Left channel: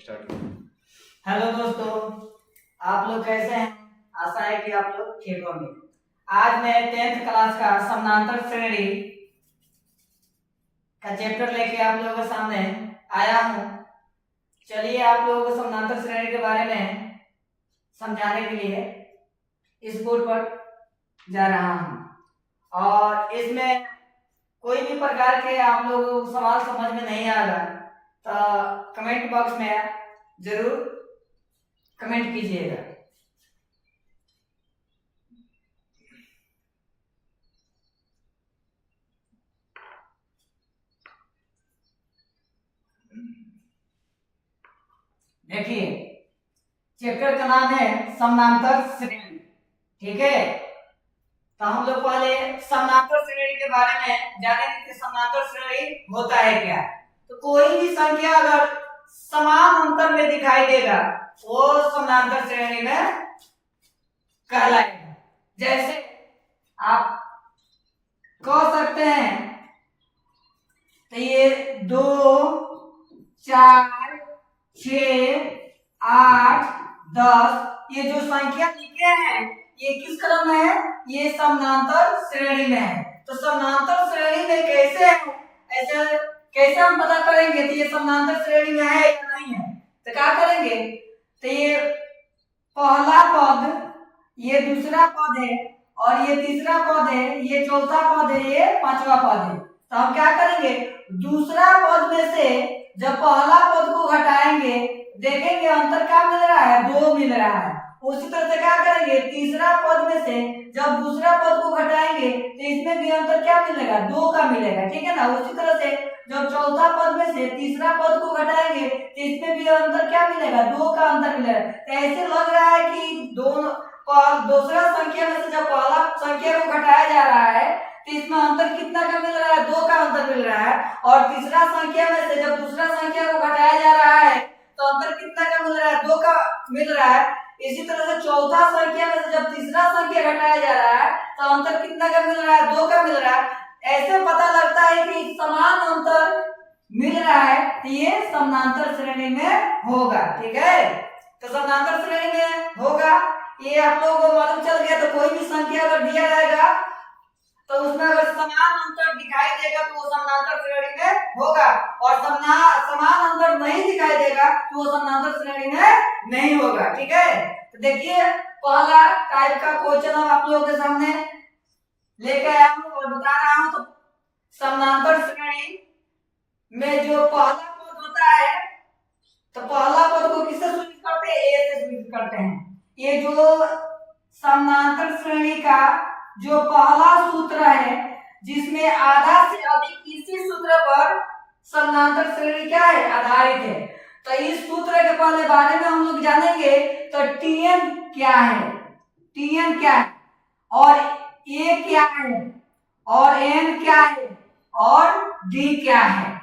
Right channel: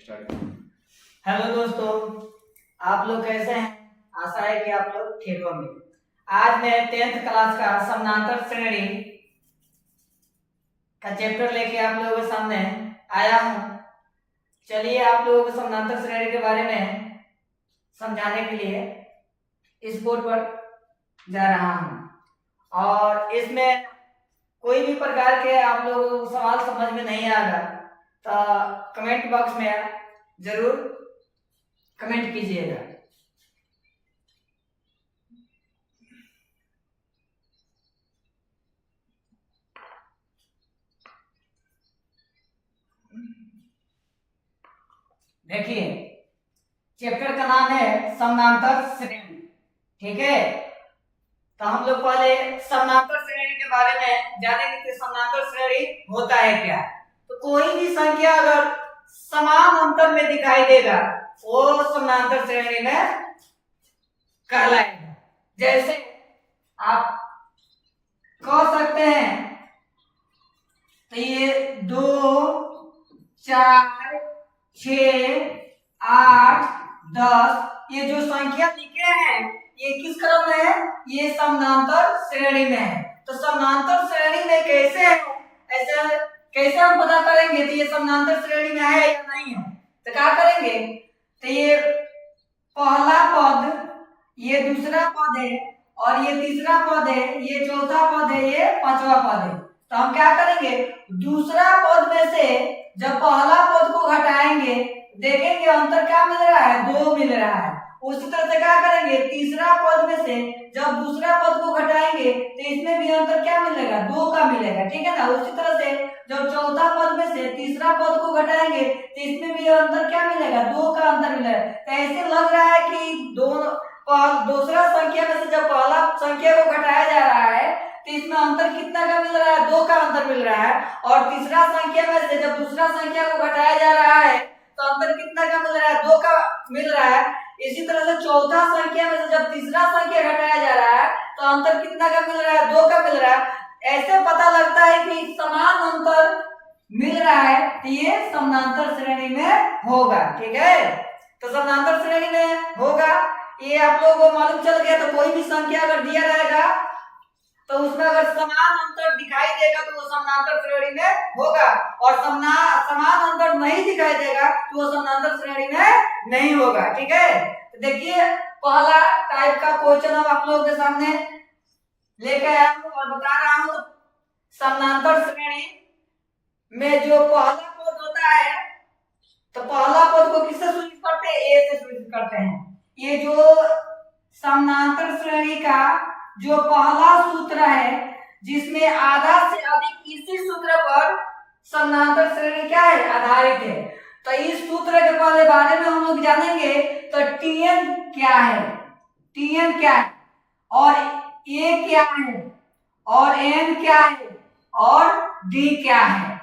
Start. Hello दोस्तों, आप लोग कैसे हैं? आशा है कि आप लोग ठीक होंगे। आज मैं 10th क्लास का समानांतर श्रेणी का चैप्टर लेके आप लोगों के सामने आया हूँ। चलिए आप लोगों को समानांतर श्रेणी के बारे में समझाने के लिए इस बोर्ड पर जा रहा हूँ। और इसमें कोई भी प्रकार के आप लोगों को सवाल समझ में नहीं आएगा तो कमेंट बॉक्स में जरूर कमेंट कीजिएगा। देखिए, चैप्टर का नाम है समानांतर श्रेणी। ठीक है, तो हम लोग पहले समानांतर श्रेणी के बारे में जानेंगे कि समानांतर श्रेणी होता है क्या। तो कोई भी संख्या अगर समान अंतर में दिखाई देगा वो समानांतर श्रेणी में कहलाएगा। जैसे आप कह सकते हैं तो ये 2, 4, 6, 8, 10 ये जो संख्या लिखे हैं ये किस क्रम में है? ये समानांतर श्रेणी में है। तो समानांतर श्रेणी में कैसे है, ऐसे कैसे हम पता करेंगे तो ये समानांतर श्रेणी में है या नहीं है? तो क्या करेंगे, तो ये पहला पद, ये दूसरा पद है, और ये तीसरा पद है, ये चौथा पद है, ये पांचवा पद है। तो हम क्या करेंगे, दूसरा पद में से जब पहला पद को घटाएंगे देखेंगे अंतर क्या मिल रहा है, 2 मिल रहा है। उसी तरह से क्या करेंगे, तीसरा पद में से जब दूसरा पद को घटाएंगे तो इसमें भी अंतर क्या मिलेगा, 2 का मिलेगा। ठीक है ना। उसी तरह से जब चौथा पद में से तीसरा पद को घटाएंगे तो इसमें भी अंतर क्या मिलेगा, 2 का अंतर मिलेगा। तो ऐसे लग रहा है कि दोनों दूसरा संख्या में से जब पहला संख्या को घटाया जा रहा है तो इसमें अंतर कितना का मिल रहा है, 2 का अंतर मिल रहा है। और तीसरा संख्या में से जब दूसरा संख्या को घटाया जा रहा है तो अंतर कितना का मिल रहा है, 2 का मिल रहा है। इसी तरह से चौथा संख्या में से जब तीसरा संख्या घटाया जा रहा है तो अंतर कितना का मिल रहा है, 2 का मिल रहा है। ऐसे पता लगता है कि समान अंतर मिल रहा है तो ये समानांतर श्रेणी में होगा। ठीक है, तो समानांतर श्रेणी में होगा ये आप लोगों को मालूम चल गया। तो कोई भी संख्या अगर दिया जाएगा तो उसमें अगर समान अंतर दिखाई देगा तो वो समानांतर श्रेणी में होगा, और समान अंतर नहीं दिखाई देगा तो वो समानांतर श्रेणी में नहीं होगा। ठीक है, तो देखिए पहला टाइप का क्वेश्चन हम आप लोगों के सामने लेके आया हूं और बता रहा हूं। तो समानांतर श्रेणी में जो पहला पद होता है तो पहला पद को किससे सूचित करते हैं, ए से सूचित करते हैं। ये जो समानांतर श्रेणी का जो पहला सूत्र है जिसमें आधा से अधिक इसी सूत्र पर समानांतर श्रेणी क्या है, आधारित है। तो इस सूत्र के पहले बारे में हम लोग जानेंगे। तो Tn क्या है, Tn क्या है, और A क्या है, और N क्या है, और D क्या है।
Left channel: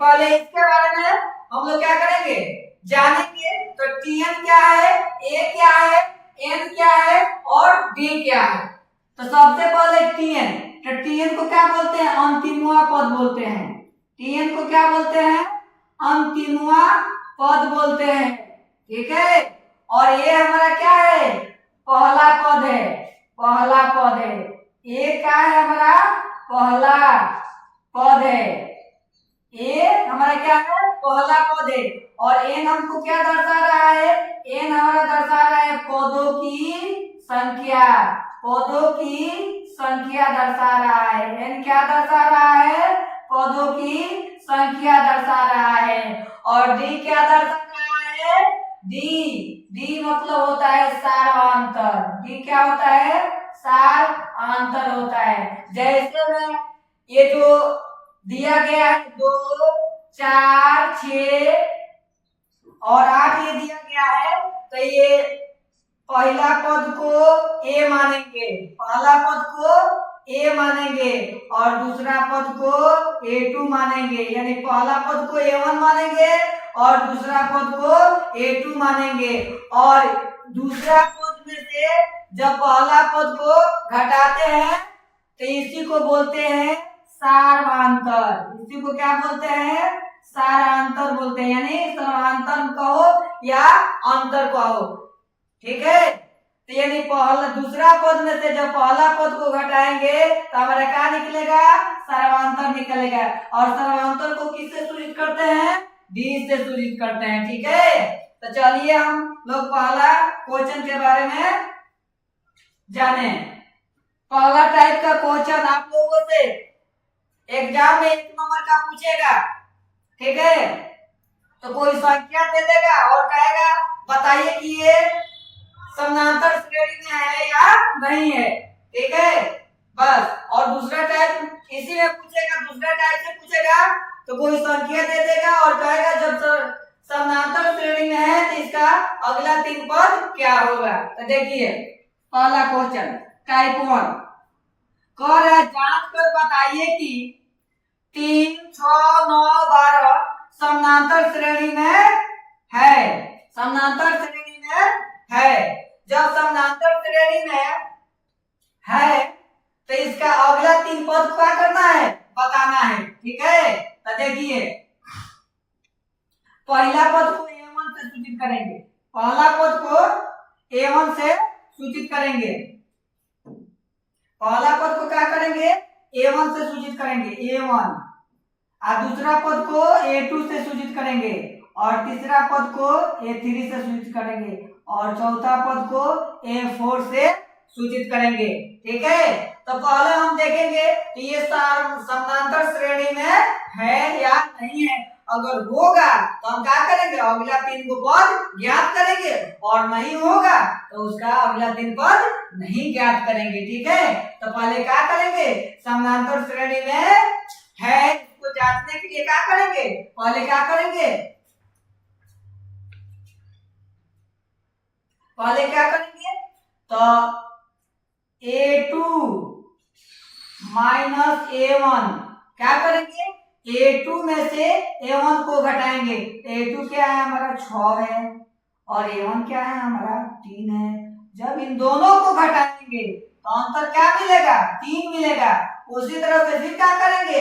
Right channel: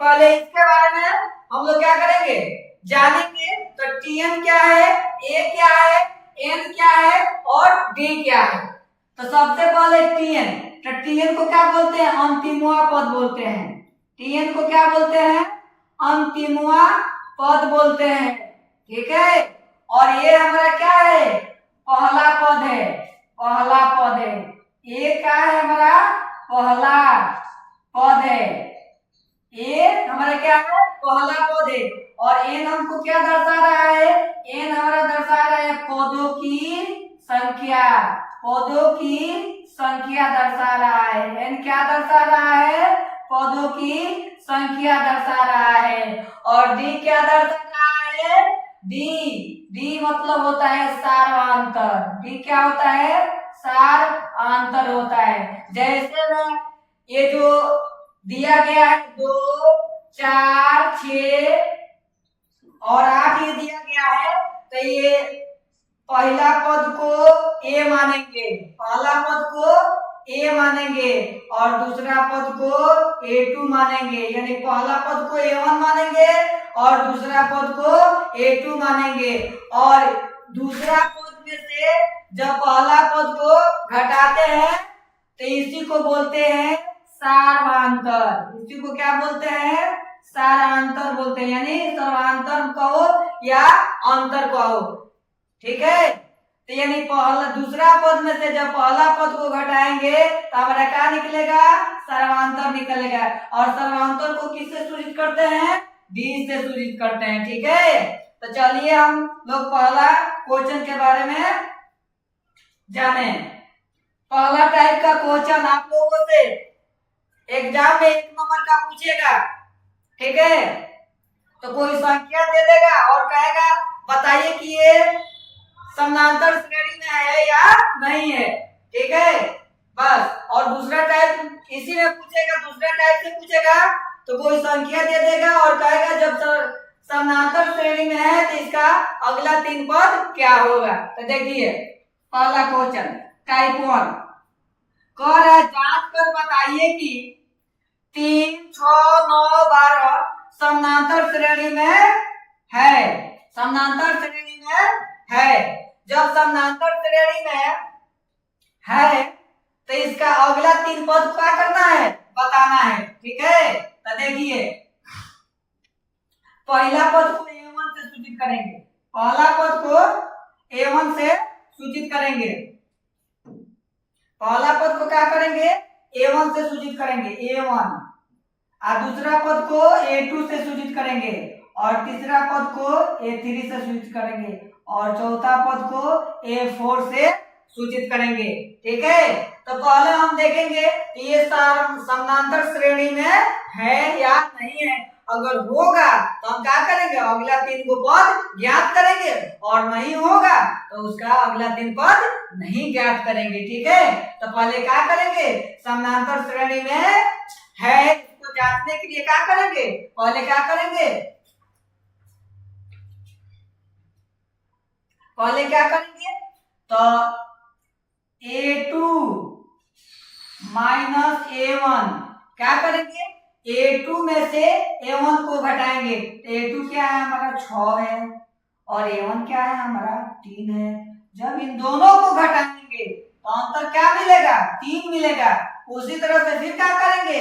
पहले इसके बारे में हम लोग क्या करेंगे, जानेंगे। तो Tn क्या है, A क्या है, N क्या है, और D क्या है। तो सबसे पहले Tn, तो Tn को क्या बोलते हैं, अंतिमवा पद बोलते हैं। Tn को क्या बोलते हैं, अंतिमवा पद बोलते हैं। ठीक है, और ये हमारा क्या है, पहला पद है, पहला पद है। ये क्या है, हमारा पहला पद है। ये हमारा क्या है, पहला पद है। और एन हमको क्या दर्शा रहा है, एन हमारा दर्शा रहा है पदों की संख्या, पदों की संख्या दर्शा रहा है। एन क्या दर्शा रहा है, पदों की संख्या दर्शा रहा है। और डी क्या दर्शा रहा है, डी मतलब होता है सारांतर। डी क्या होता है, सारांतर होता है। जैसे में ये जो दिया गया है 2, 4, 6 और 8 ये दिया गया है, तो ये पहला पद को A मानेंगे, पहला पद को A मानेंगे, और दूसरा पद को A2 मानेंगे। यानी पहला पद को A1 मानेंगे और दूसरा पद को A2 मानेंगे। और दूसरा पद में से जब पहला पद को घटाते हैं तो इसी को बोलते हैं सारांतर। इसी को क्या बोलते हैं, सारांतर बोलते हैं। यानी सारांतर का या अंतर कहो, ठीक है। तो यानी पहला दूसरा पद में से जब पहला पद को घटाएंगे तो हमारा क्या निकलेगा, सर्वांतर निकलेगा। और सर्वांतर को किससे सूचित करते हैं, 20 से सूचित करते हैं, ठीक है। तो चलिए हम लोग पहला क्वेश्चन के बारे में जाने। पहला टाइप का क्वेश्चन आप लोगों से एग्जाम में 1 नंबर का पूछेगा, ठीक है। तो कोई संख्या दे देगा और कहेगा बताइए कि ये समानांतर श्रेणी में है या नहीं है, ठीक है, बस। और दूसरा टाइप इसी में पूछेगा, दूसरा टाइप से पूछेगा तो कोई संख्या दे देगा और कहेगा जब समानांतर श्रेणी में है तो इसका अगला 3 पद क्या होगा। तो देखिए पहला क्वेश्चन टाइप 1 कह रहा है जांच कर बताइए कि 3, 6, 9, 12 समानांतर श्रेणी में है, समानांतर श्रेणी में है। जब समानांतर श्रेणी में है तो इसका अगला 3 पद क्या करना है, बताना है, ठीक है। तो देखिए पहला पद को A1 से सूचित करेंगे, पहला पद को A1 से सूचित करेंगे, पहला पद को क्या करेंगे, A1 से सूचित करेंगे, A1। और दूसरा पद को A2 से सूचित करेंगे, और तीसरा पद को A3 से सूचित करेंगे, और चौथा पद को A4 से सूचित करेंगे, ठीक है। तो पहले हम देखेंगे ये समानांतर श्रेणी में है या नहीं है। अगर होगा तो हम क्या करेंगे, अगला 3 को पद ज्ञात करेंगे, और नहीं होगा तो उसका अगला 3 पद नहीं ज्ञात करेंगे, ठीक है। तो पहले क्या करेंगे, समानांतर श्रेणी में है इसको जांचने के लिए क्या करेंगे, पहले क्या करेंगे, पहले क्या करेंगे, तो A2 माइनस A1 क्या करेंगे, A2 में से A1 को घटाएंगे। A2 क्या है हमारा 6 है, और A1 क्या है हमारा 3 है। जब इन दोनों को घटाएंगे तो अंतर क्या मिलेगा, 3 मिलेगा। उसी तरह से फिर क्या करेंगे,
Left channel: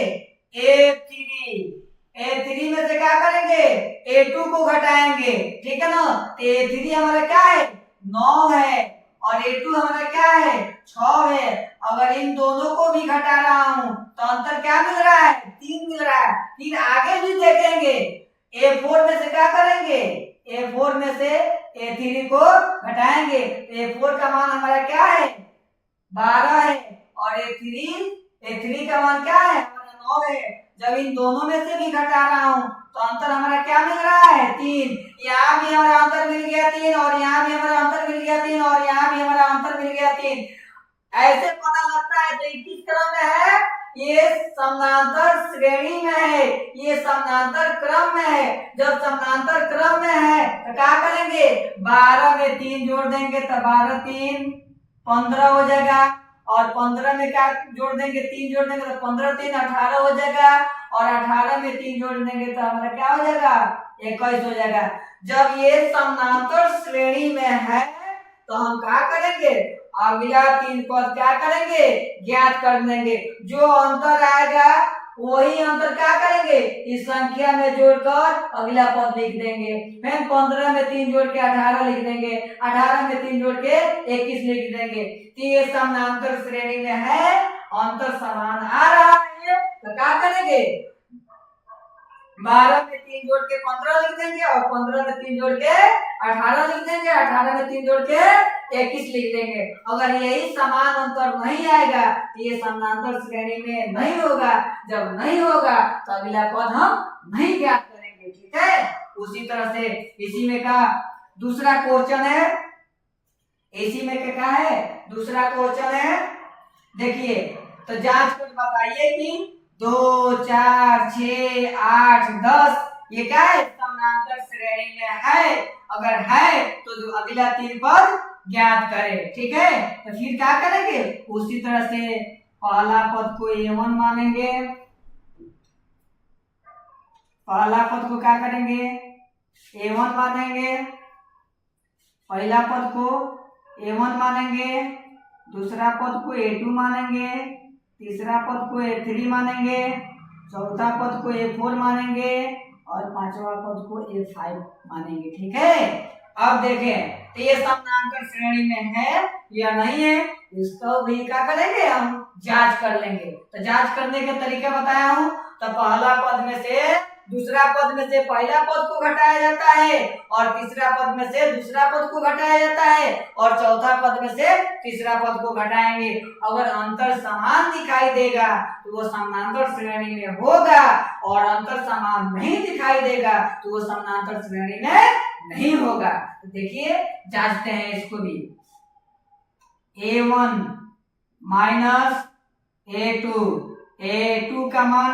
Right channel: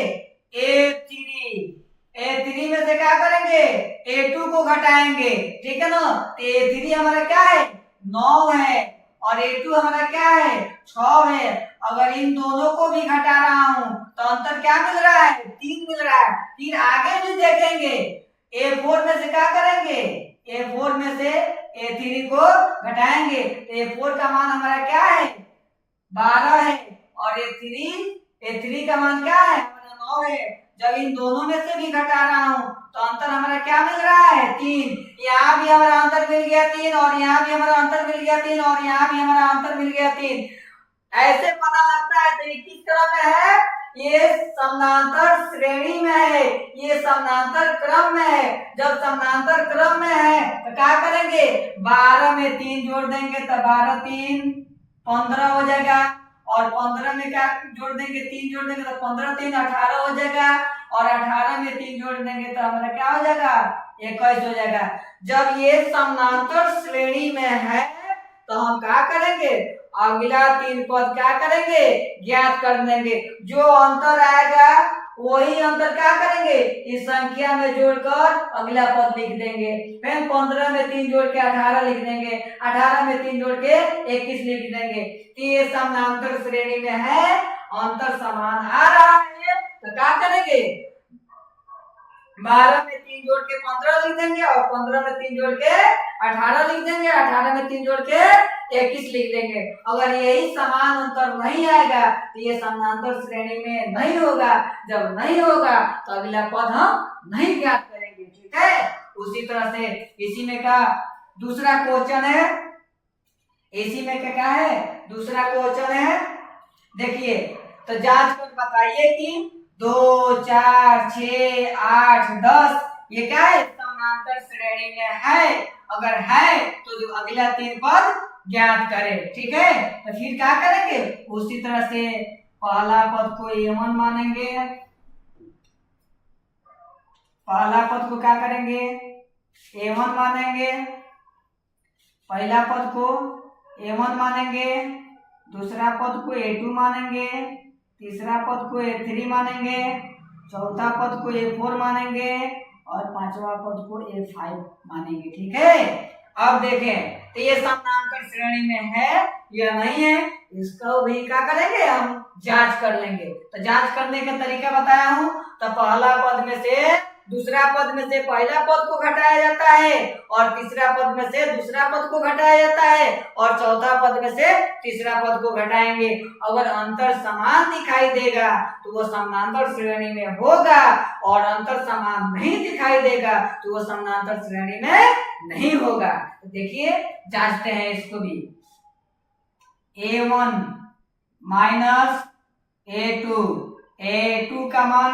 A3 में से क्या करेंगे, A2 को घटाएंगे, ठीक है ना। तो A3 हमारा क्या है 9 है, और A2 हमारा क्या है 6 है। अगर इन दोनों को भी घटा रहा हूं तो अंतर क्या मिल रहा है, 3 मिल रहा है। फिर आगे भी देखेंगे A4 में से क्या करेंगे, A4 में से A3 को घटाएंगे। A4 का मान हमारा क्या है 12 है, और A3 का मान क्या है हमारा 9 है। जब इन दोनों में से भी घटा रहा हूं तो अंतर हमारा क्या मिल रहा है 3। यहाँ भी हमारा अंतर मिल गया 3, और यहाँ भी हमारा अंतर मिल गया 3, और यहाँ भी हमारा अंतर मिल गया 3। ऐसे पता लगता है तो ये किस क्रम में है, ये समानांतर श्रेणी में है, ये समानांतर क्रम में है। जब समानांतर क्रम में है तो क्या करेंगे, 12 में 3 जोड़ देंगे तो 12 3 15 हो जाएगा, और 15 में क्या जोड़ देंगे, 3 जोड़ देंगे तो 15 3 18 हो जाएगा, और 18 में 3 जोड़ देंगे तो हमारा क्या हो जाएगा 21 हो जाएगा। जब ये समानांतर श्रेणी में है तो हम क्या करेंगे, अगला 3 पद क्या करेंगे, ज्ञात कर देंगे। जो अंतर आएगा वही अंतर क्या करेंगे, इस संख्या में जोड़कर अगला पद लिख देंगे। फिर 15 में 3 जोड़ के 18 लिख देंगे, 18 में 3 जोड़ के 21 लिख देंगे। ये समानांतर श्रेणी में है, अंतर समान आ रहा है तो क्या करेंगे, 12 में 3 जोड़ के 15 लिख देंगे, और 15 में 3 जोड़ के 18 लिख देंगे, 18 में 3 जोड़ के 21 लिख देंगे। अगर यही समान अंतर नहीं आएगा तो ये समानांतर श्रेणी में नहीं होगा। जब नहीं होगा तो अगला पद हम नहीं ज्ञात करेंगे, ठीक है। उसी तरह से इसी में का दूसरा क्वेश्चन है, इसी में क्या है दूसरा क्वेश्चन है। देखिए तो जांच कर बताइए कि 2 4 6 8 10 ये क्या है, समानांतर श्रेणी में है। अगर है तो जो अगला 3 पद ज्ञात करें, ठीक है। तो फिर क्या करेंगे, उसी तरह से पहला पद को A1 मानेंगे, पहला पद को क्या करेंगे A1 मानेंगे, पहला पद को A1 मानेंगे, दूसरा पद को A2 मानेंगे, तीसरा पद को A3 मानेंगे, चौथा पद को A4 मानेंगे, और पांचवा पद को A5 मानेंगे। ठीक है, अब देखें तो ये समानांतर श्रेणी में है या नहीं है, इसको भी क्या करेंगे, हम जांच कर लेंगे। तो जांच करने का तरीका बताया हूं। तो पहला पद में से दूसरा पद में से पहला पद को घटाया जाता है, और तीसरा पद में से दूसरा पद को घटाया जाता है, और चौथा पद में से तीसरा पद को घटाएंगे। अगर अंतर समान दिखाई देगा तो वो समानांतर श्रेणी में होगा, और अंतर समान नहीं दिखाई देगा तो वो समानांतर श्रेणी में नहीं होगा। तो देखिए जांचते हैं इसको भी। A1 माइनस A2 का मान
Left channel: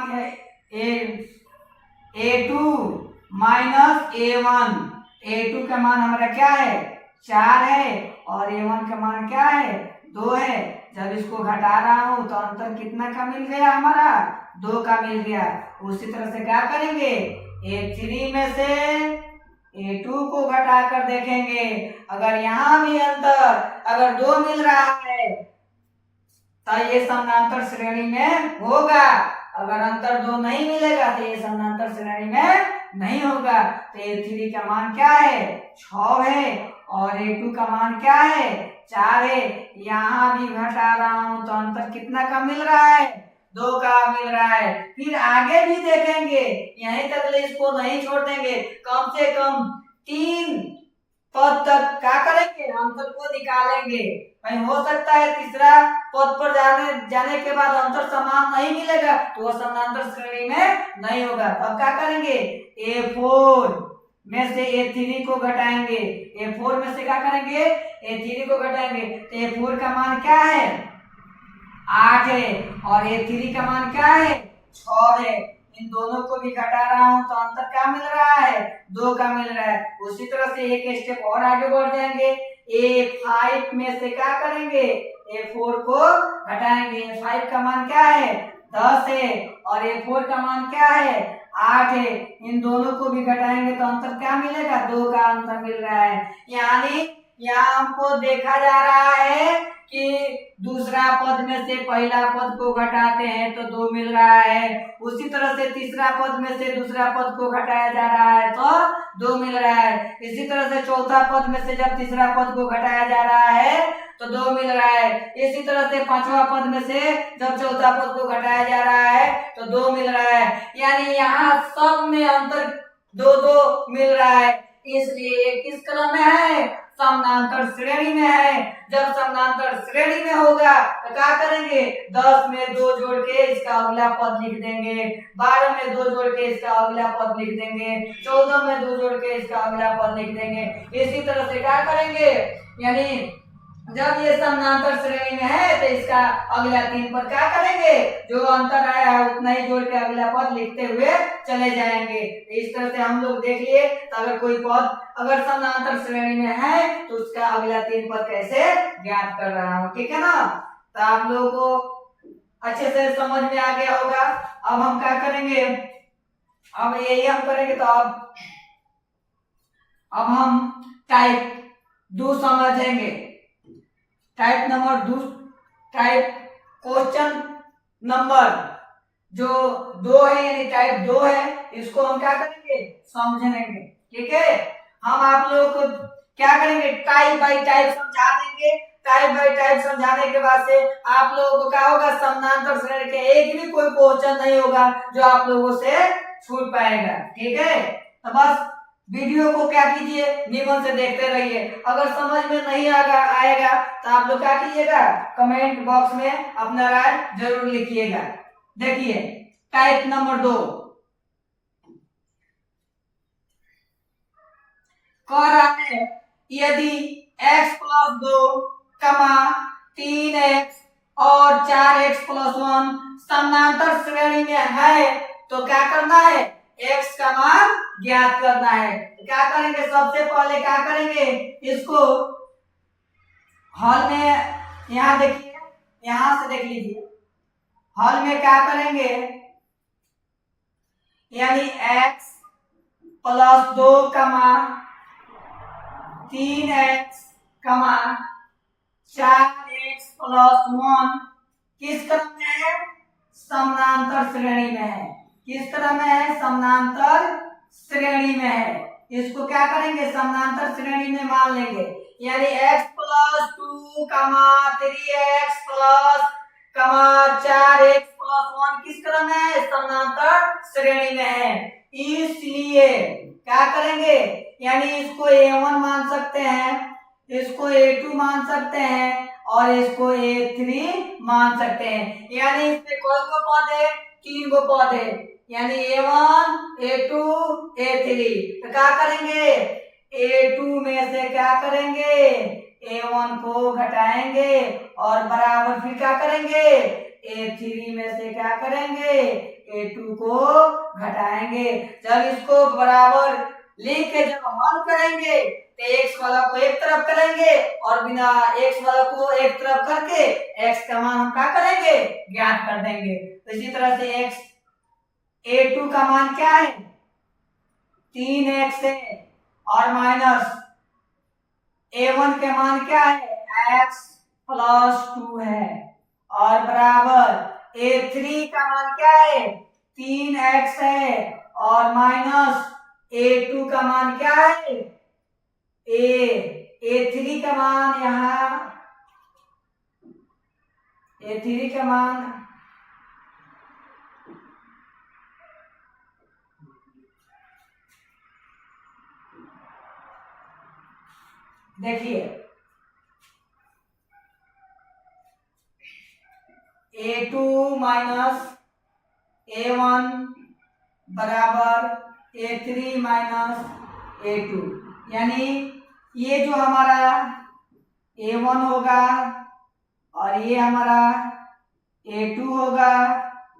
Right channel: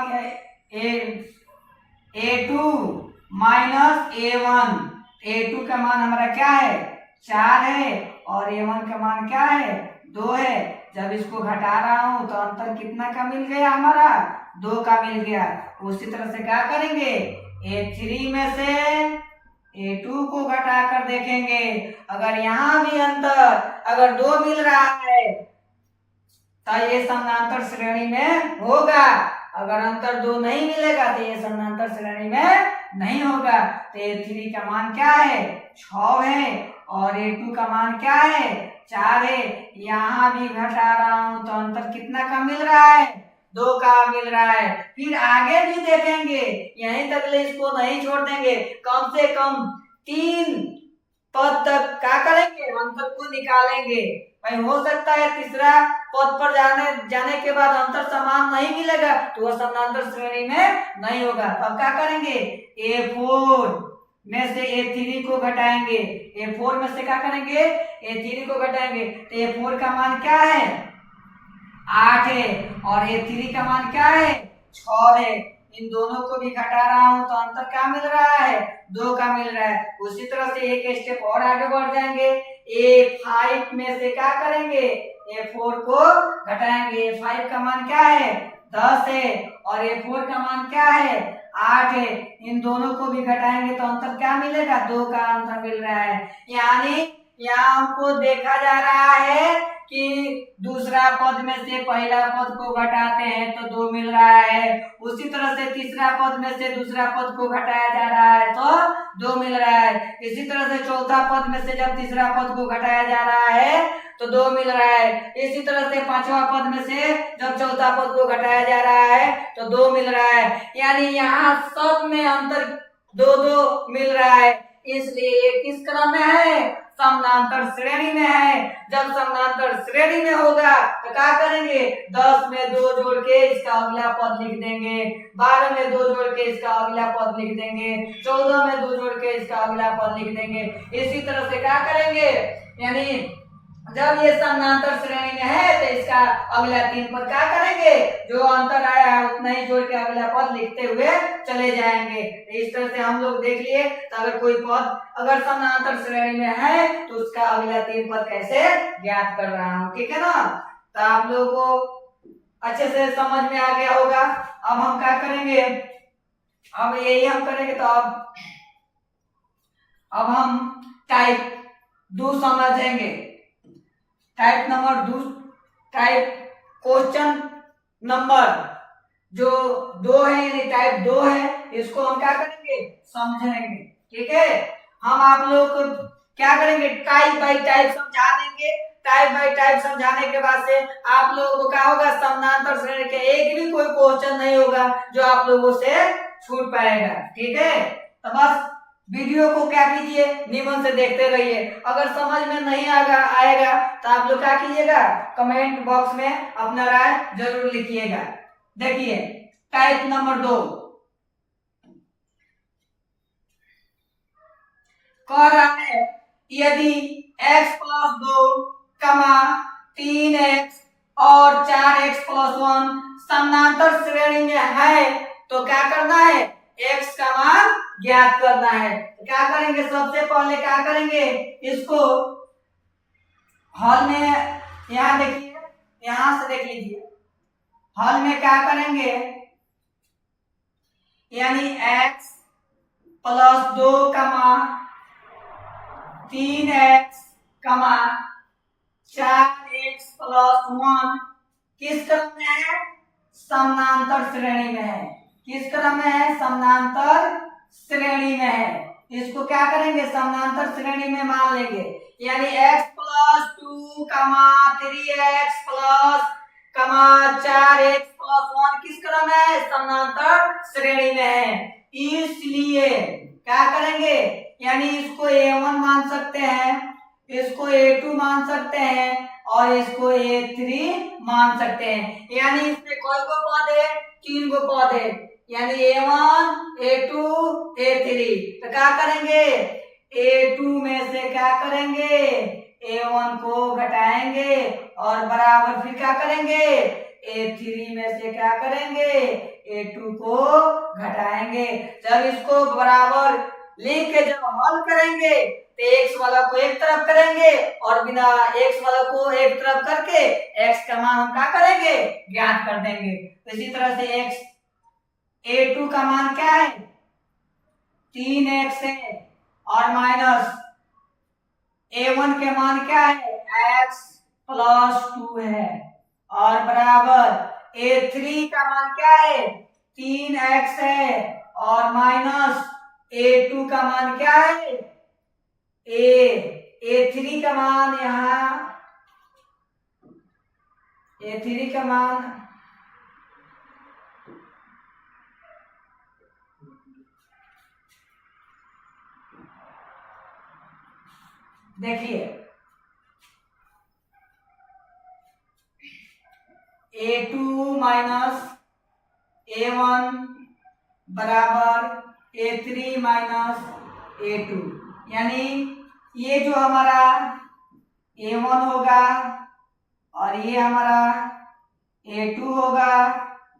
A2 माइनस A1 का मान हमारा क्या है, 4 है, और A1 का मान क्या है, 2 है। जब इसको घटा रहा हूं तो अंतर कितना का मिल गया, हमारा 2 का मिल गया। उसी तरह से क्या करेंगे, A3 में से A2 को घटा कर देखेंगे। अगर यहाँ भी अंतर अगर 2 मिल रहा है तो ये समानांतर श्रेणी में होगा। अगर अंतर 2 नहीं मिलेगा तो ये समानांतर श्रेणी में नहीं होगा। तो A3 का मान क्या है, 6 है, और A2 का मान क्या है, 4 है। यहाँ भी घटा रहा हूं तो अंतर कितना का मिल रहा है, 2 का मिल रहा है। फिर आगे भी देखेंगे, यहीं तक ले इसको नहीं छोड़ देंगे, कम से कम 3 पद तक क्या करेंगे, अंतर को निकालेंगे। कहीं हो सकता है तीसरा पद पर जाने के बाद अंतर समान नहीं मिलेगा तो वो समानांतर श्रेणी में नहीं होगा। तो अब क्या करेंगे, A4 में से A3 को घटाएंगे। A4 में से क्या करेंगे, A3 को घटाएंगे। तो A4 का मान क्या है, 8 है, और A3 का मान क्या है, 6 है। इन दोनों को भी घटा रहा हूं तो अंतर क्या मिल रहा है, 2 का मिल रहा है। उसी तरह से एक स्टेप और आगे बढ़ जाएंगे। A5 में से क्या करेंगे, A4 को घटाएंगे। A5 का मान क्या है, 10 है, और A4 का मान क्या है, 8 है। इन दोनों को भी घटाएंगे तो अंतर क्या मिलेगा, 2 का अंतर मिल रहा है। यानी यहाँ हमको देखा जा रहा है कि दूसरा पद में से पहला पद को घटाते हैं तो 2 मिल रहा है। उसी तरह से तीसरा पद में से दूसरा पद को घटाया जा रहा है तो 2 मिल रहा है। इसी तरह से चौथा पद में से जब तीसरा पद को घटाया जा रहा है तो 2 मिल रहा है। इसी तरह से पांचवा पद में से जब चौथा पद को घटाया जा रहा है तो 2 मिल रहा है। यानी यहाँ सब में अंतर 2-2 मिल रहा है, इसलिए किस क्रम में है, समानांतर श्रेणी में है। जब समानांतर श्रेणी में होगा तो क्या करेंगे, 10 में 2 जोड़ के इसका अगला पद लिख देंगे, 12 में 2 जोड़ के इसका अगला पद लिख देंगे, 14 में 2 जोड़ के इसका अगला पद लिख देंगे। इसी तरह से क्या करेंगे, यानी जब ये समानांतर श्रेणी में है तो इसका अगला 3 पद क्या करेंगे, जो अंतर आया है उतना ही जोड़ के अगला पद लिखते हुए चले जाएंगे। इस तरह से हम लोग देख लिए। तो अगर कोई पद अगर समानांतर श्रेणी में है तो उसका अगला 3 पद कैसे ज्ञात कर रहा हूँ, ठीक है ना। तो आप लोगों को अच्छे से समझ में आ गया होगा। अब हम क्या करेंगे, अब यही हम करेंगे। तो अब हम टाइप 2 समझेंगे। Type number 2, type question number जो 2 है, यानी टाइप 2 है, इसको हम क्या करेंगे, समझेंगे। ठीक है, हम आप लोग को क्या करेंगे, टाइप बाय टाइप समझा देंगे। टाइप बाय टाइप समझाने के बाद से आप लोगों को क्या होगा, समानांतर श्रेणी के एक भी कोई क्वेश्चन नहीं होगा जो आप लोगों से छूट पाएगा। ठीक है, तो बस वीडियो को क्या कीजिए, नियमन से देखते रहिए। अगर समझ में नहीं आएगा तो आप लोग क्या कीजिएगा, कमेंट बॉक्स में अपना राय जरूर लिखिएगा। देखिए टाइप नंबर 2 कह रहा है, यदि x + 2, 3x और 4x + 1 समानांतर श्रेणी में है तो क्या करना है, x का मान ज्ञात करना है। तो क्या करेंगे, सबसे पहले क्या करेंगे, इसको हल में, यहाँ देखिए, यहां से देख लीजिए, हल में क्या करेंगे, यानी x + 2, 3x, 4x + 1 किस क्रम में है, समानांतर श्रेणी में है। किस क्रम में है, समानांतर श्रेणी में है, इसको क्या करेंगे समानांतर श्रेणी में मान लेंगे। यानी x प्लस 2 कमा 3x प्लस कमा 4x प्लस 1 किस क्रम में है, समानांतर श्रेणी में है। इसलिए क्या करेंगे, यानी इसको a1 मान सकते हैं, इसको a2 मान सकते हैं और इसको a3 मान सकते हैं। यानी इसमें कोई गो पद है, 3 गो पद है, यानी a1 a2 a3। तो क्या करेंगे, a2 में से क्या करेंगे, a1 को घटाएंगे और बराबर फिर क्या करेंगे, a3 में से क्या करेंगे, a2 को घटाएंगे। जब इसको बराबर लिख के जब हल करेंगे तो x वाला को एक तरफ करेंगे और बिना x वाला को एक तरफ करके x का मान हम क्या करेंगे, ज्ञात कर देंगे। तो इसी तरह से x a2 का मान क्या है, 3x है और माइनस a1 के मान क्या है, x प्लस 2 है और बराबर a3 का मान क्या है, 3x है और माइनस a2 का मान क्या है, a3 का मान यहाँ a3 का मान देखिए a2 माइनस a1 बराबर a3 माइनस a2, यानी ये जो हमारा a1 होगा और ये हमारा a2 होगा,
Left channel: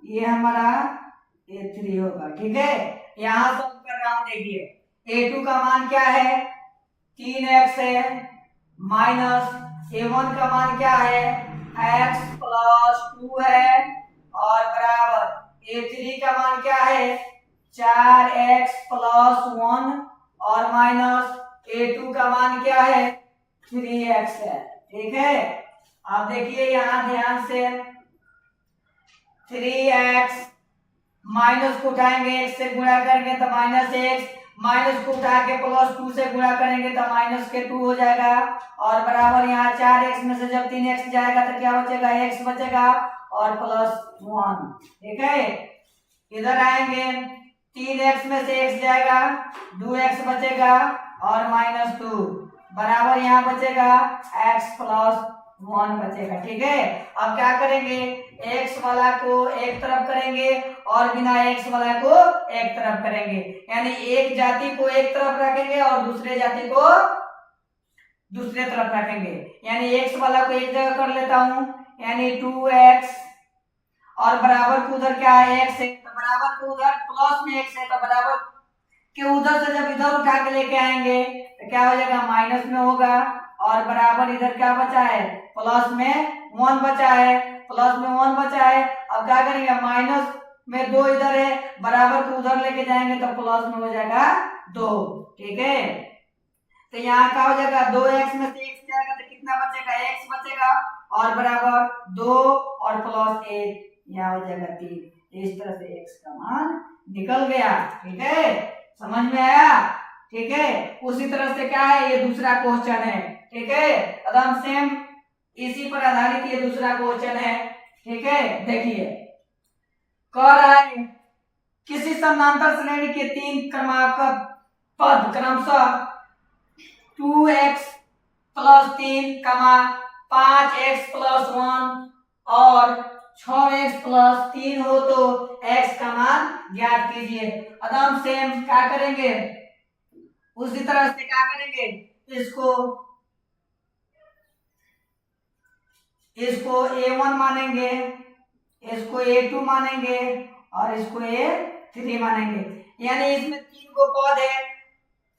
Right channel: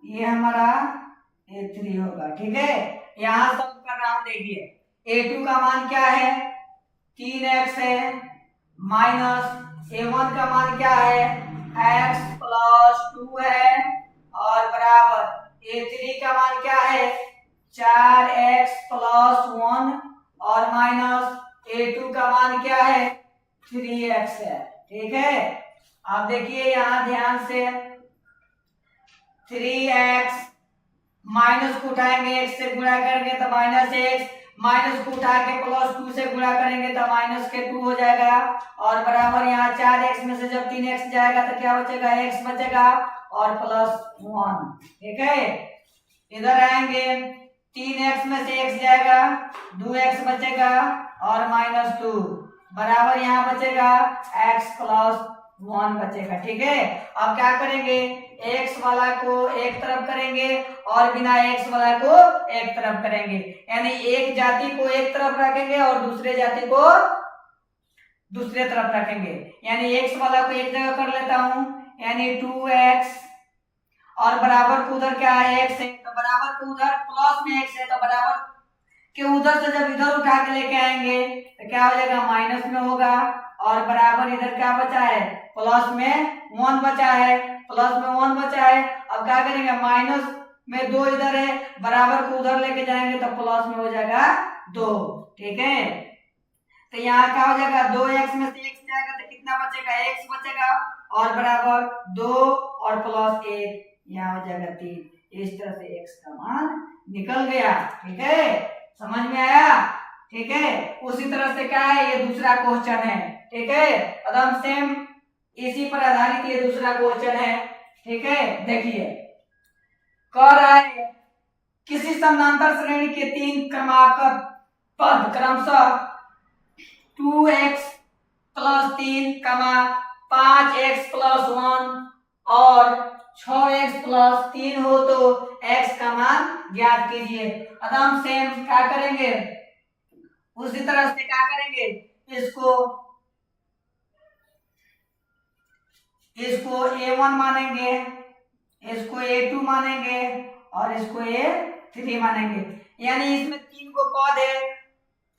ये हमारा a3 होगा। ठीक है, यहां सब कर रहा हूं, देखिए a2 का मान क्या है, 3x है माइनस a1 का मान क्या है, x प्लस 2 है और बराबर a3 का मान क्या है, 4x प्लस 1 और माइनस a2 का मान क्या है, 3x है। ठीक है, अब देखिए यहां ध्यान से 3x माइनस को उठाएंगे x से गुणा करेंगे तो माइनस x, माइनस को उठा के प्लस 2 से गुणा करेंगे तो माइनस के 2 हो जाएगा और बराबर यहाँ 4x में से जब 3x जाएगा तो क्या बचेगा, x बचेगा और प्लस 1। ठीक है, इधर आएंगे 3x में से x जाएगा, 2x बचेगा और माइनस 2 बराबर यहाँ बचेगा x प्लस 1 बचेगा। ठीक है, अब क्या करेंगे, x वाला को एक तरफ करेंगे और बिना x वाला को एक तरफ करेंगे, यानी एक जाति को एक तरफ रखेंगे और दूसरे जाति को दूसरे तरफ रखेंगे। यानी x वाला को एक जगह कर लेता हूं, यानी 2x और बराबर को उधर क्या है, x है, तो बराबर को उधर प्लस में x है तो बराबर के उधर से जब इधर उठा के लेके आएंगे तो क्या हो जाएगा, माइनस में होगा और बराबर इधर क्या बचा है, प्लस में 1 बचा है, प्लस में 1 बचा है। अब क्या करेंगे, माइनस में 2 इधर है, बराबर को उधर लेके जाएंगे तो प्लस में हो जाएगा 2। ठीक है, तो यहाँ क्या हो जाएगा, 2x में से x जाएगा तो कितना बचेगा, x बचेगा और बराबर 2 और प्लस 1 यहाँ हो जाएगा 3। इस तरह से x का मान निकल गया। ठीक है, समझ में आया। ठीक है, उसी तरह से क्या है, ये दूसरा क्वेश्चन है। ठीक है, एकदम सेम इसी पर आधारित ये दूसरा क्वेश्चन है। ठीक है, देखिए कह रहा है किसी समानांतर श्रेणी के 3 क्रमांक पद क्रमशः 2x प्लस 3 5x प्लस 1 और 6x प्लस 3 हो तो x का मान ज्ञात कीजिए। एकदम सेम क्या करेंगे, उसी तरह से क्या करेंगे, इसको a1 मानेंगे, इसको a2 मानेंगे और इसको a3 मानेंगे। यानी इसमें 3 को पद है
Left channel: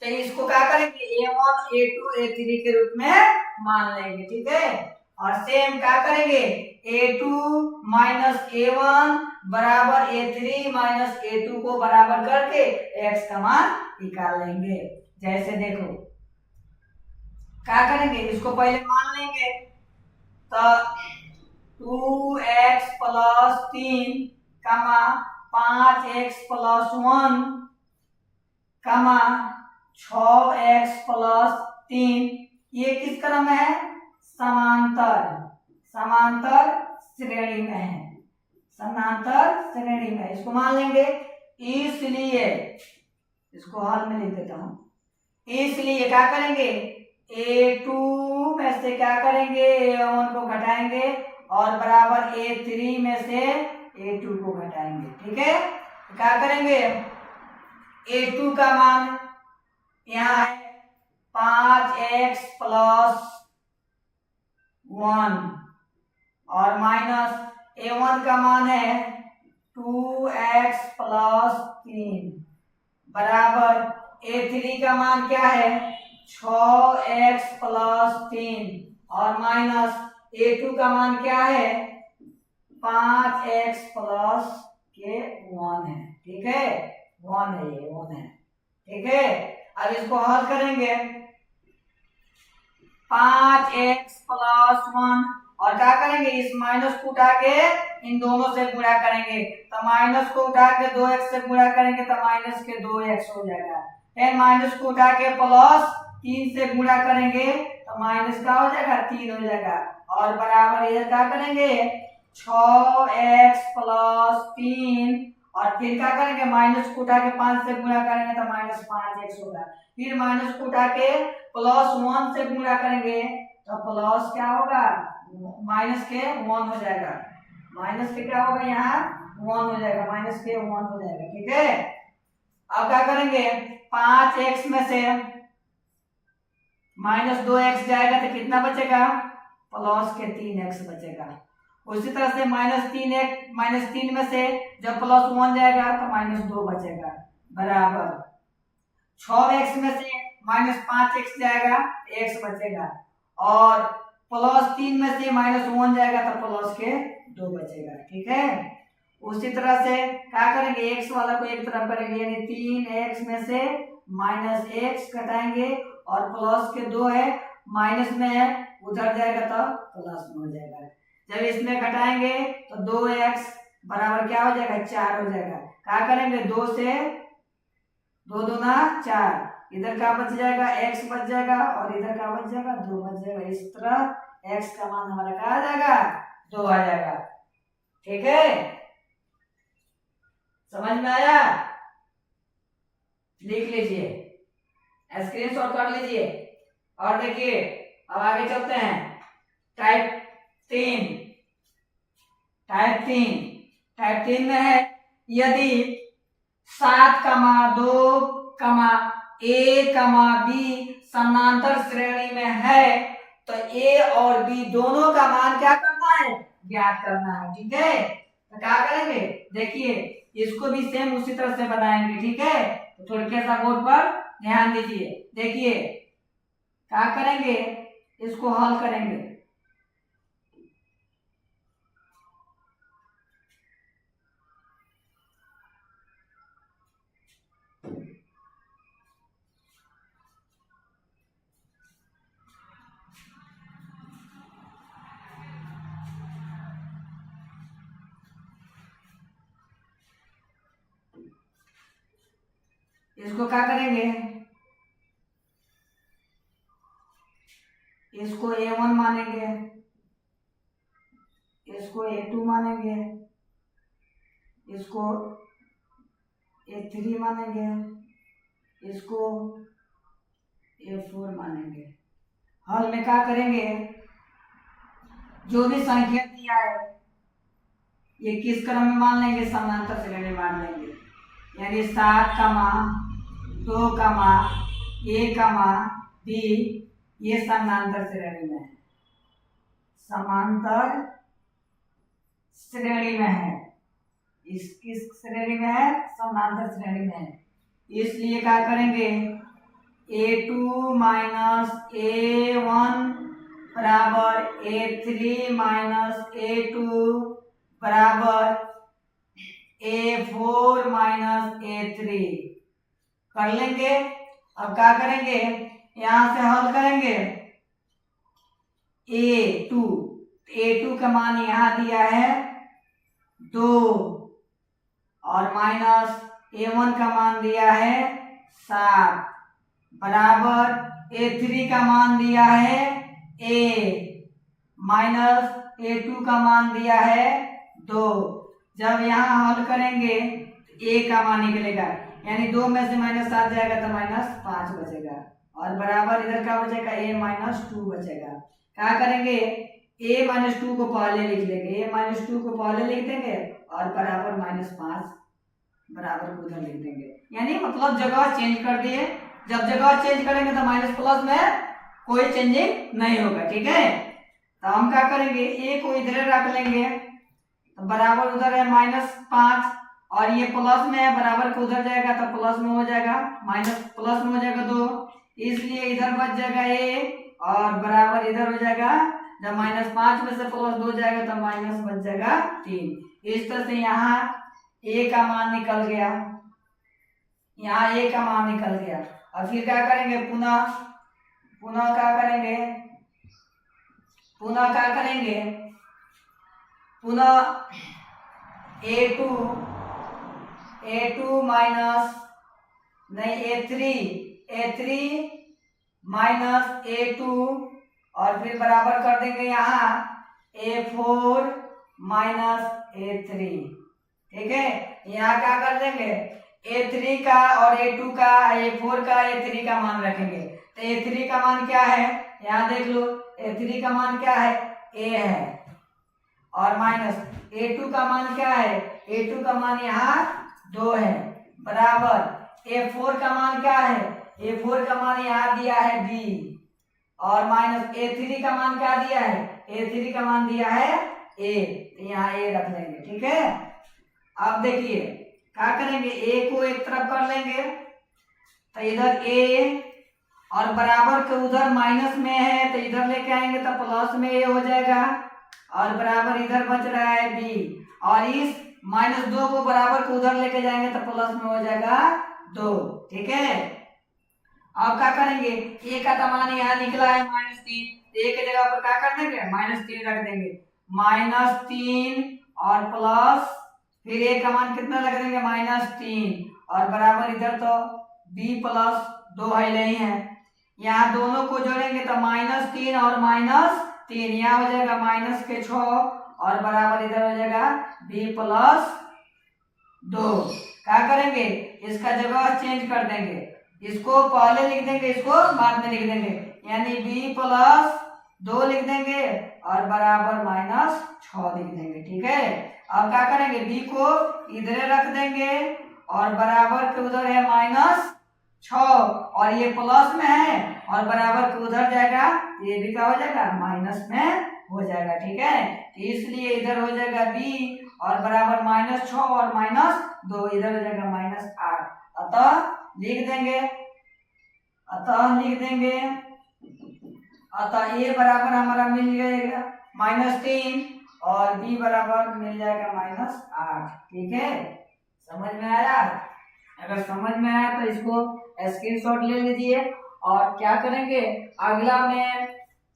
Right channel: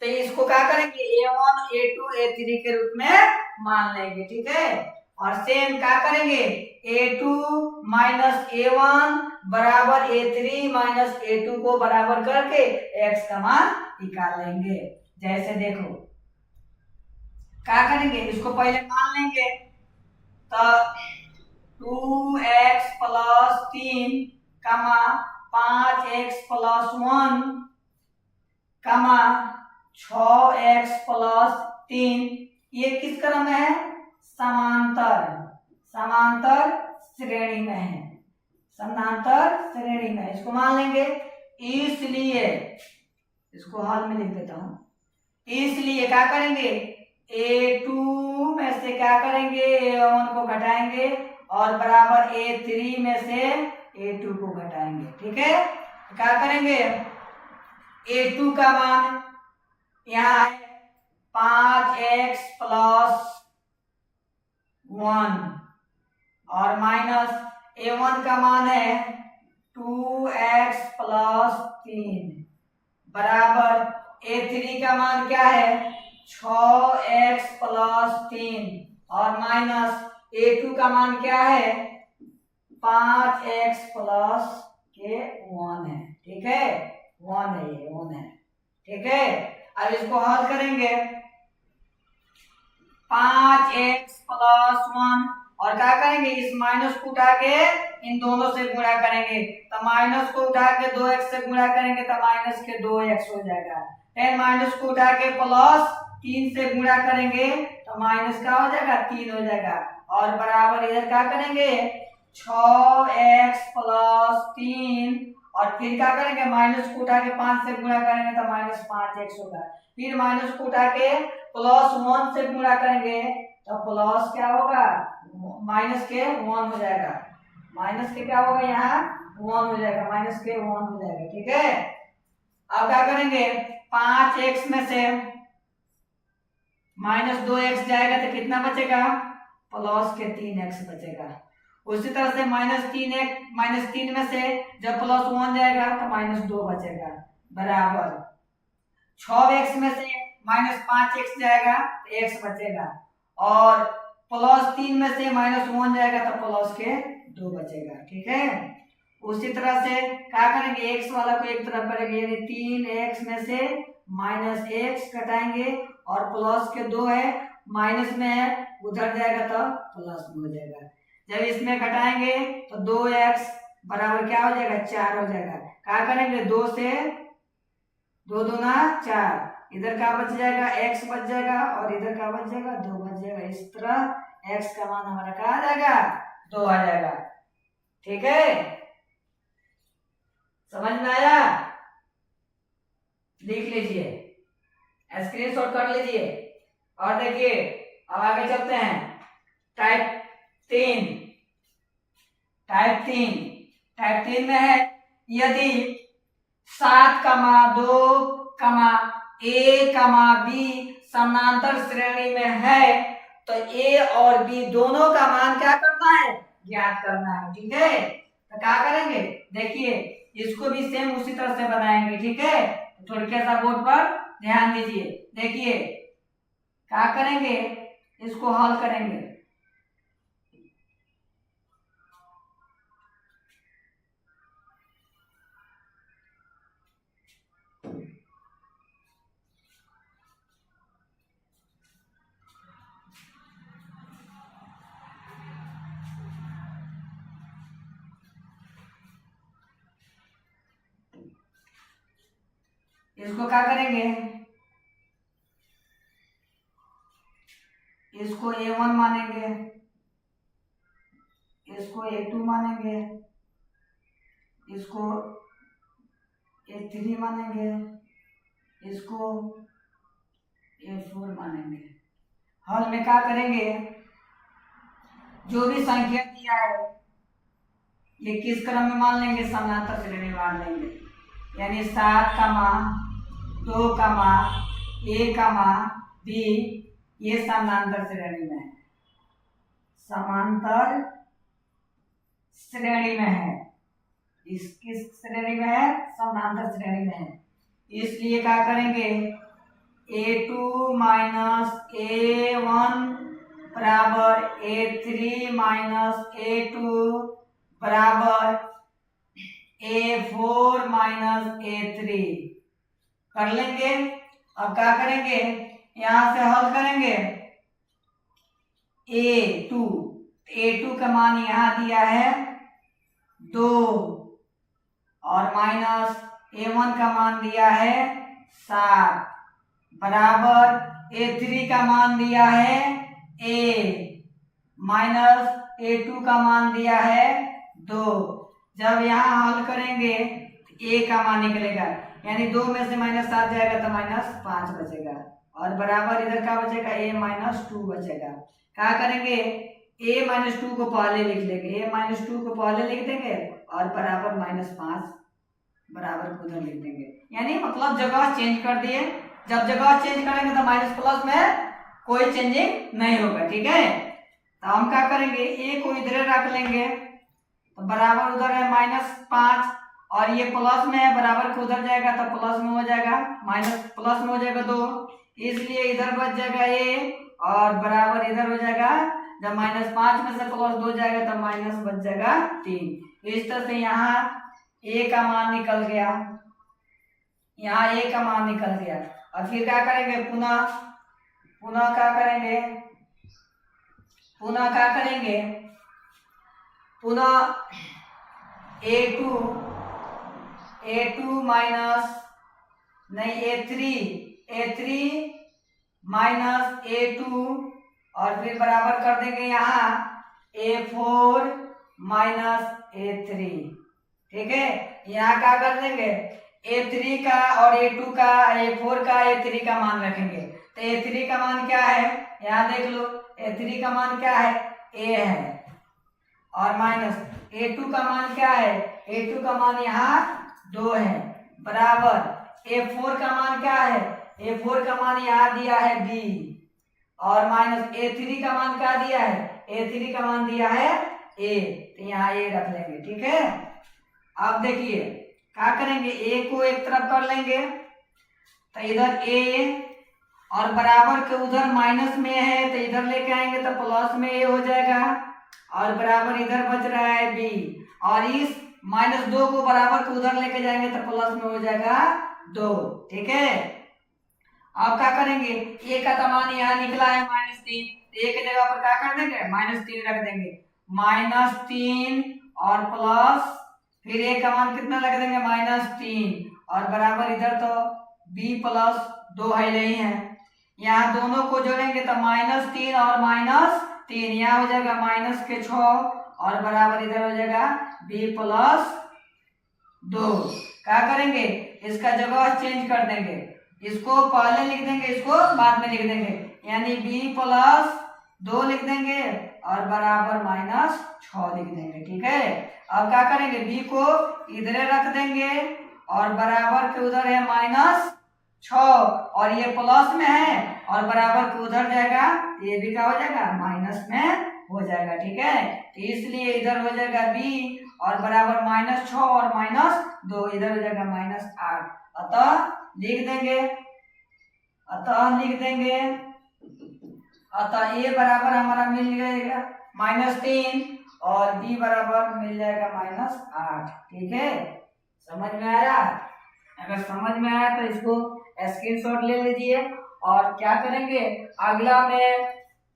तो इसको क्या करेंगे, a1 a2 a3 के रूप में मान लेंगे। ठीक है, और सेम क्या करेंगे, a2 माइनस a1 बराबर a3 माइनस a2 को बराबर करके x का मान निकाल लेंगे। जैसे देखो क्या करेंगे, इसको पहले मान लेंगे तो 2x प्लस 3 5x प्लस 1 कमा 6x प्लस 3, ये किस क्रम में है? समांतर समांतर श्रेणी में है, समांतर श्रेणी में है। इसको मान लेंगे। इसलिए इसको हाल में लिख देता हूं। इसलिए क्या करेंगे? A2 में से क्या करेंगे? A1 को घटाएंगे और बराबर A3 में से A2 को घटाएंगे। ठीक है, क्या करेंगे? A2 का मान यहाँ है 5x प्लस 1 और माइनस A1 का मान है 2x प्लस 3 बराबर A3 का मान क्या है? 6x प्लस 3 और माइनस A2 का मान क्या है? 5x प्लस के 1 है। ठीक है, 1 है, ये 1 है। ठीक है, अब इसको हल करेंगे। 5x प्लस 1 और क्या करेंगे? इस माइनस को उठा के इन दोनों से गुणा करेंगे, तो माइनस को उठा के 2x से गुणा करेंगे तो माइनस के 2x हो जाएगा। फिर माइनस को उठा के प्लस 3 से गुणा करेंगे तो माइनस क्या हो जाएगा? 3 हो जाएगा और बराबर इधर क्या करेंगे? 6x प्लस 3 और फिर क्या करेंगे? माइनस को उठा के 5 से गुणा करेंगे तो माइनस 5x होगा। फिर माइनस को उठा के प्लस 1 से गुणा करेंगे तो प्लस क्या होगा? माइनस के 1 हो जाएगा। माइनस के क्या होगा? यहाँ 1 हो जाएगा, माइनस के 1 हो जाएगा। ठीक है, अब क्या करेंगे? 5x में से माइनस 2x जाएगा तो कितना बचेगा? प्लस के 3x बचेगा। उसी तरह से माइनस 3 में से जब प्लस 1 जाएगा तो माइनस 2 बचेगा बराबर 6x में से माइनस 5x जाएगा तो x बचेगा और प्लस 3 में से माइनस 1 जाएगा तो प्लस के 2 बचेगा। ठीक है, उसी तरह से क्या करेंगे? x वाला को एक तरफ करेंगे, यानी 3x में से माइनस x घटाएंगे और प्लस के 2 है, माइनस में है, उधर जाएगा तो प्लस में हो जाएगा। जब इसमें घटाएंगे तो 2x बराबर क्या हो जाएगा? 4 हो जाएगा। क्या करेंगे? 2 से 2 दूना 4, इधर क्या बच जाएगा? x बच जाएगा और इधर क्या बच जाएगा? 2 बच जाएगा। इस तरह x का मान हमारा क्या आ जाएगा? 2 आ जाएगा। ठीक है, समझ में आया? लिख लीजिए, स्क्रीनशॉट कर लीजिए और देखिए अब आगे चलते हैं। टाइप 3 में है यदि 7, 2, A, B समानांतर श्रेणी में है तो A और B दोनों का मान क्या करना है? ज्ञात करना है। ठीक है, तो क्या करेंगे? देखिए इसको भी सेम उसी तरह से बनाएंगे। ठीक है, तो थोड़ा सा बोर्ड पर ध्यान दीजिए। देखिए क्या करेंगे? इसको हल करेंगे। इसको क्या करेंगे? इसको A1 मानेंगे, इसको A2 मानेंगे, इसको A3 मानेंगे, इसको A4 मानेंगे। हल में क्या करेंगे? जो भी संख्या दिया है ये किस क्रम में मान लेंगे? समानांतर श्रेणी में मान लेंगे, यानी 7, 2, A, B ये समानांतर श्रेणी में है, समांतर श्रेणी में है। इस किस श्रेणी में है? समानांतर श्रेणी में है। इसलिए क्या करेंगे? A2 माइनस A1 बराबर A3 माइनस A2 बराबर A4 माइनस A3 कर लेंगे। अब क्या करेंगे? यहां से हल करेंगे। A2 का मान यहां दिया है 2 और माइनस A1 का मान दिया है 7 बराबर A3 का मान दिया है A माइनस A2 का मान दिया है 2। जब यहाँ हल करेंगे तो A का मान निकलेगा, यानी 2 में से -7 जाएगा तो -5 बचेगा, और बराबर इधर क्या बचेगा A-2 बचेगा। क्या करेंगे A-2 को पहले लिख देंगे, A-2 को पहले लिख देंगे और बराबर -5 बराबर को उधर लिख देंगे, यानी मतलब जगह चेंज कर दिए। जब जगह चेंज करेंगे तो माइनस प्लस में कोई चेंजिंग नहीं होगा, ठीक है। तो हम क्या करेंगे ए को इधर रख लेंगे तो बराबर उधर है -5, और ये प्लस में है बराबर को उधर जाएगा तो प्लस में हो जाएगा, माइनस प्लस में हो जाएगा 2, इसलिए इधर बच जाएगा ए और बराबर इधर हो जाएगा। जब -5 में से +2 जाएगा तो माइनस बच जाएगा 3। इस तरह से यहाँ ए का मान निकल गया, यहाँ ए का मान निकल गया। और फिर क्या करेंगे पुनः क्या करेंगे पुनः A2 माइनस नहीं A3 माइनस A2 और फिर बराबर कर देंगे यहाँ A4 माइनस A3, ठीक है। यहाँ क्या कर देंगे A3 का और A2 का A4 का A3 का मान रखेंगे, तो A3 का मान क्या है यहाँ देख लो, A3 का मान क्या है A है, और माइनस A2 का मान क्या है, A2 का मान यहाँ 2 है, बराबर A4 का मान क्या है, A4 का मान यहाँ दिया है B, और माइनस A3 का मान क्या दिया है, A3 का मान दिया है A, तो यहाँ A रख लेंगे, ठीक है। अब देखिए क्या करेंगे A को एक तरफ कर लेंगे तो इधर A और बराबर के उधर माइनस में है तो इधर लेके आएंगे तो प्लस में A हो जाएगा, और बराबर इधर बच रहा है B, और इस -2 को बराबर को उधर लेके जाएंगे तो प्लस में हो जाएगा 2, ठीक है। अब क्या करेंगे A का मान यहाँ निकला है -3, A की जगह पर क्या कर देंगे -3 रख देंगे, -3 और प्लस फिर A का मान कितना रख देंगे -3, और बराबर इधर तो B प्लस 2 है नहीं है, यहाँ दोनों को जोड़ेंगे तो -3 और -3 यहाँ हो जाएगा -6, और बराबर इधर हो जाएगा B प्लस 2। क्या करेंगे इसका जगह चेंज कर देंगे, इसको पहले लिख देंगे इसको बाद में लिख देंगे, यानी B प्लस 2 लिख देंगे और बराबर -6 लिख देंगे, ठीक है। अब क्या करेंगे B को इधर रख देंगे और बराबर के उधर है -6 और ये प्लस में है और बराबर के उधर जाएगा, ये भी क्या हो जाएगा माइनस में हो जाएगा, ठीक है। तो इसलिए इधर हो जाएगा B और बराबर -6 और -2 इधर हो जाएगा -8, अतः लिख देंगे अतः A बराबर हमारा मिल जाएगा -3 और B बराबर मिल जाएगा -8, ठीक है। समझ में आया? अगर समझ में आया तो इसको स्क्रीनशॉट ले लीजिए। और क्या करेंगे अगला में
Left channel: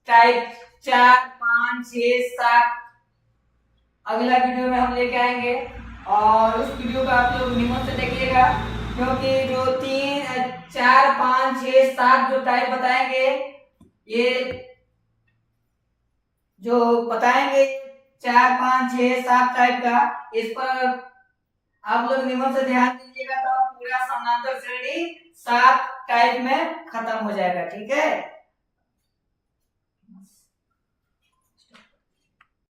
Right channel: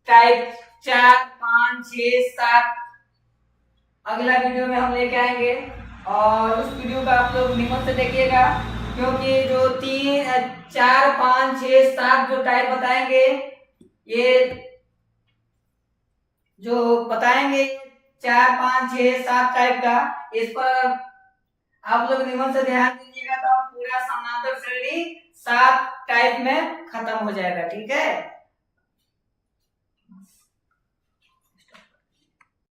टाइप 4, 5, 6, 7 अगला वीडियो में हम लेके आएंगे, और उस वीडियो का आप लोग नियम से देखिएगा, क्योंकि जो 3, 4, 5, 6, 7 जो टाइप बताएंगे, ये जो बताएंगे 4, 5, 6, 7 टाइप का, इस पर आप लोग नियम से ध्यान दीजिएगा तो पूरा समांतर श्रेणी 7 टाइप में खत्म हो जाएगा, ठीक है।